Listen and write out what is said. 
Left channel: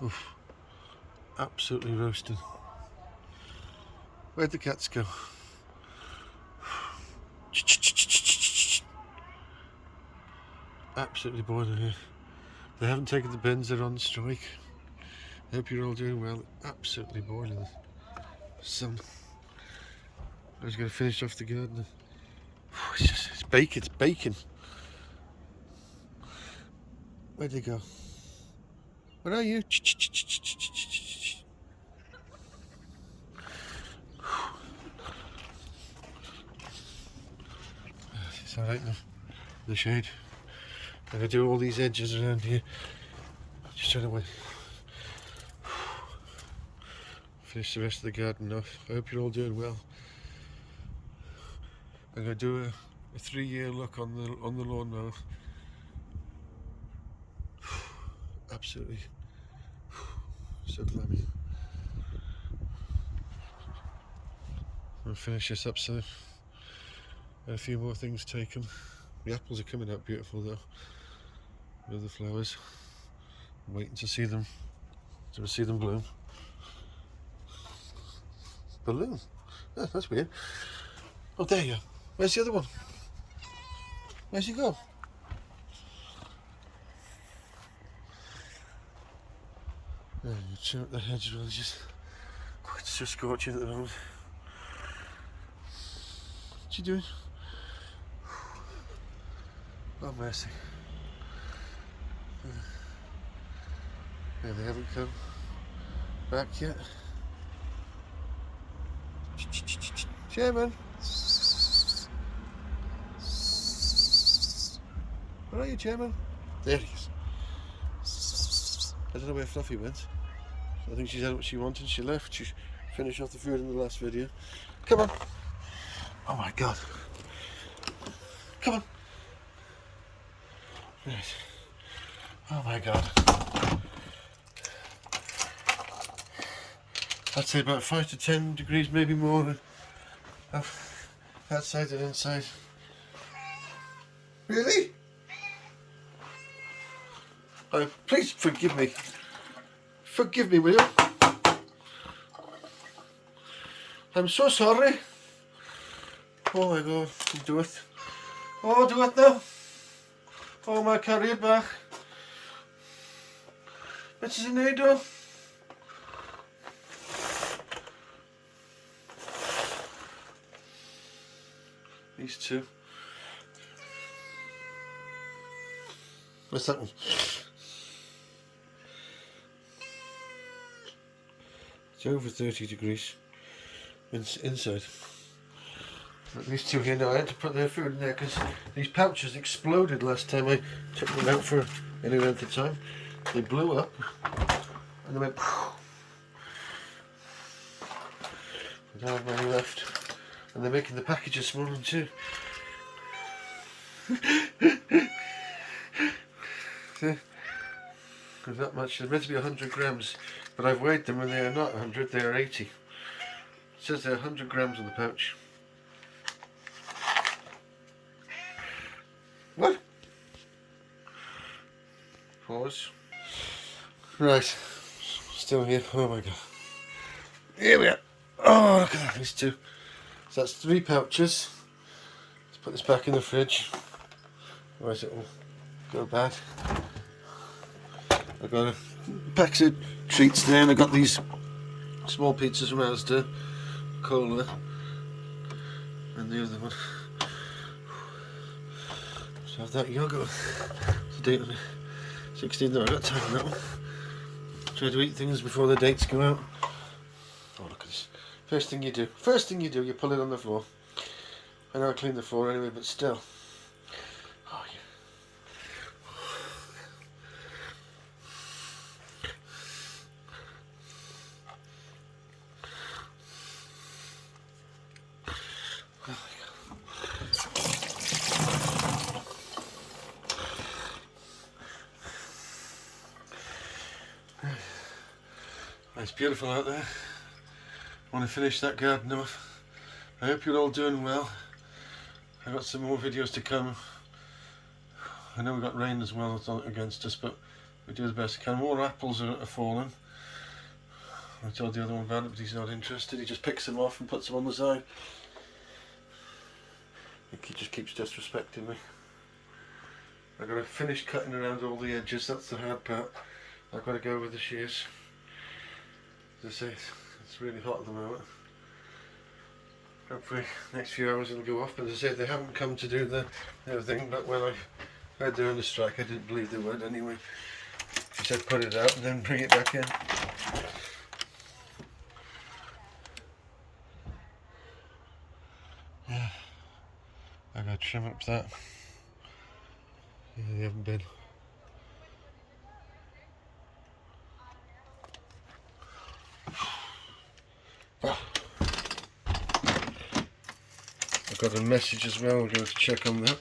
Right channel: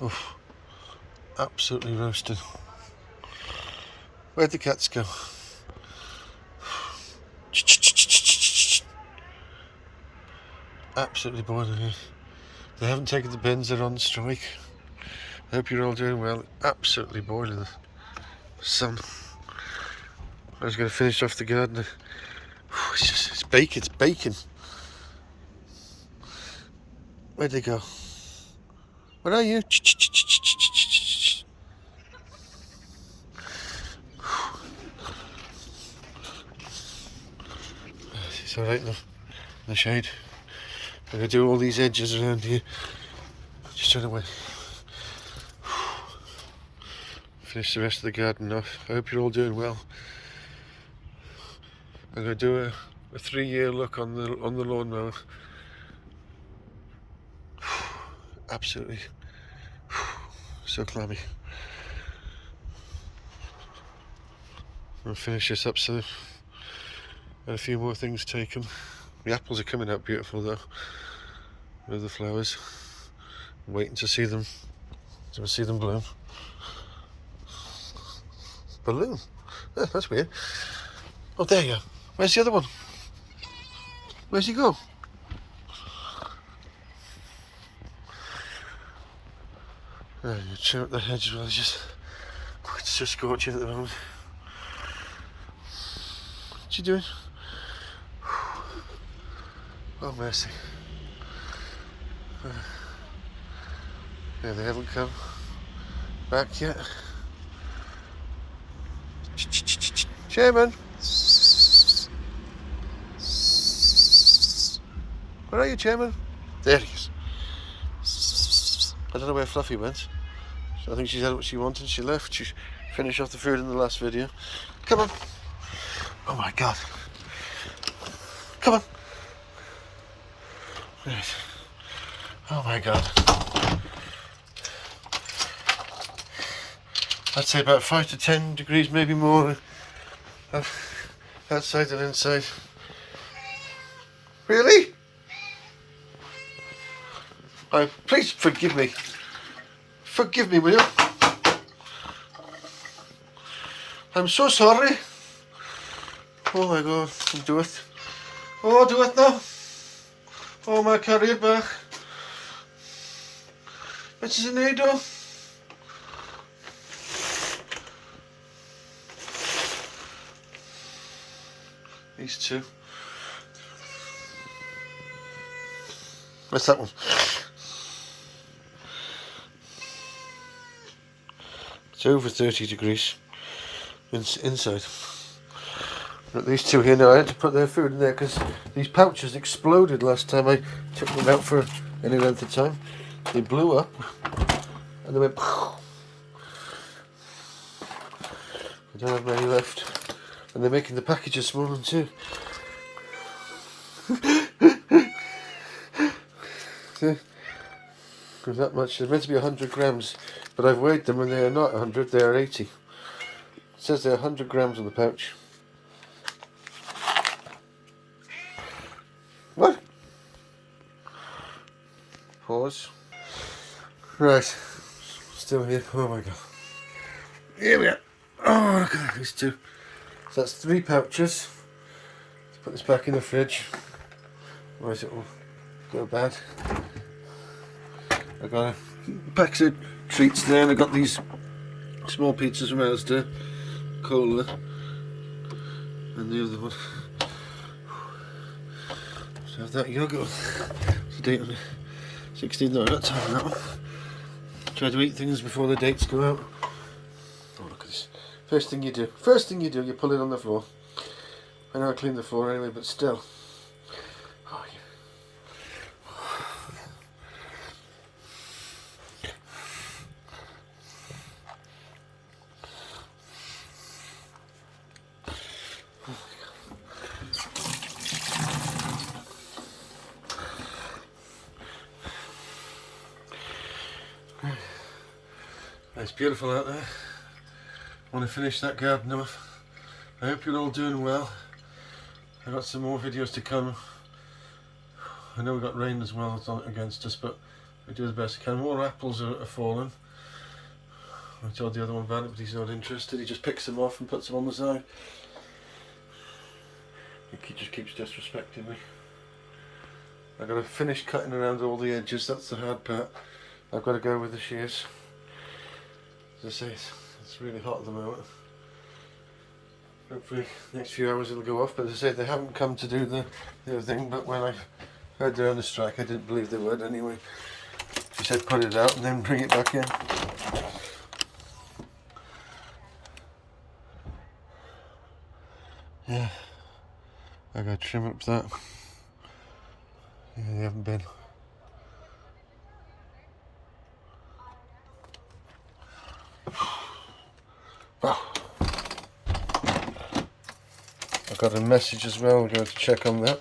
Oof, absolutely roasted. Where'd the cats go? Absolutely boiling here. They haven't taken the bins, they're on strike. I hope you're all doing well. Absolutely boiling the sun. I was going to finish off the garden. It's bacon, it's bacon. Where'd they go? Where are you? It's alright now, in the shade. I'm going to do all these edges around here. Just trying to wait. Finish the rest of the garden off. I hope you're all doing well. I'm going to do a 3-year look on the lawnmower. Absolutely so clammy. I'll finish this up so and a few more things taken. The apples are coming out beautiful though, with the flowers. I'm waiting to see them bloom. Balloon? Oh, that's weird. Oh, there you are. Where's the other one? Where's he go? Oh, you trim up the hedge as well. It's just scorching at the moment. What you doing? Oh, mercy. Yeah, they haven't come back yet. Chairman! Where are you, Chairman? There he is. I don't know where Fluffy went. So I think she's had what she wanted. She left. She finished off the food in the last video. Come on. Oh my God. Come on. Right. Oh my God. I'd say about 5 to 10 degrees, maybe more, outside than inside. Really? Oh, please forgive me. Forgive me, will you? I'm so sorry. Oh my God, do it. Oh, do it now. Oh, my career back. Mrs. Anado. These two. What's that one? It's over 30 degrees inside. But these two here now, I had to put their food in there because these pouches exploded last time I took them out for any length of time. They blew up and they went. I don't have many left, and they're making the packages smaller too. See? There's that much. They're meant to be 100 grams, but I've weighed them and they are not 100, they are 80. It says they're 100 grams on the pouch. What? Pause. Right. Still here. Oh my God. Here we are. Oh, look at that. These two. So that's 3 pouches. Let's put this back in the fridge. Otherwise it will go bad. I got a pack of treats there, and I got these small pizzas from Asda, cola, and the other one. So have that yogurt. What's the date on it? 16th. No, I got time on that one. Try to eat things before the dates go out. Oh, look at this. First thing you do, you pull it on the floor. I know I cleaned the floor anyway, but still. Oh, yeah. It's beautiful out there. I want to finish that garden off. I hope you're all doing well. I've got some more videos to come. I know we got rain as well against us, but We do the best we can. More apples are falling. I told the other one about it, but he's not interested. He just picks them off and puts them on the side. He just keeps disrespecting me. I've got to finish cutting around all the edges. That's the hard part. I've got to go with the shears. As I say, it's really hot at the moment. Hopefully next few hours it'll go off, but as I say, they haven't come to do the other thing, but when I heard they're on the strike, I didn't believe they would anyway. She said put it out and then bring it back in. Yeah, I gotta trim up that. Yeah, they haven't been. Well, I got a message as well, we're going to check on that.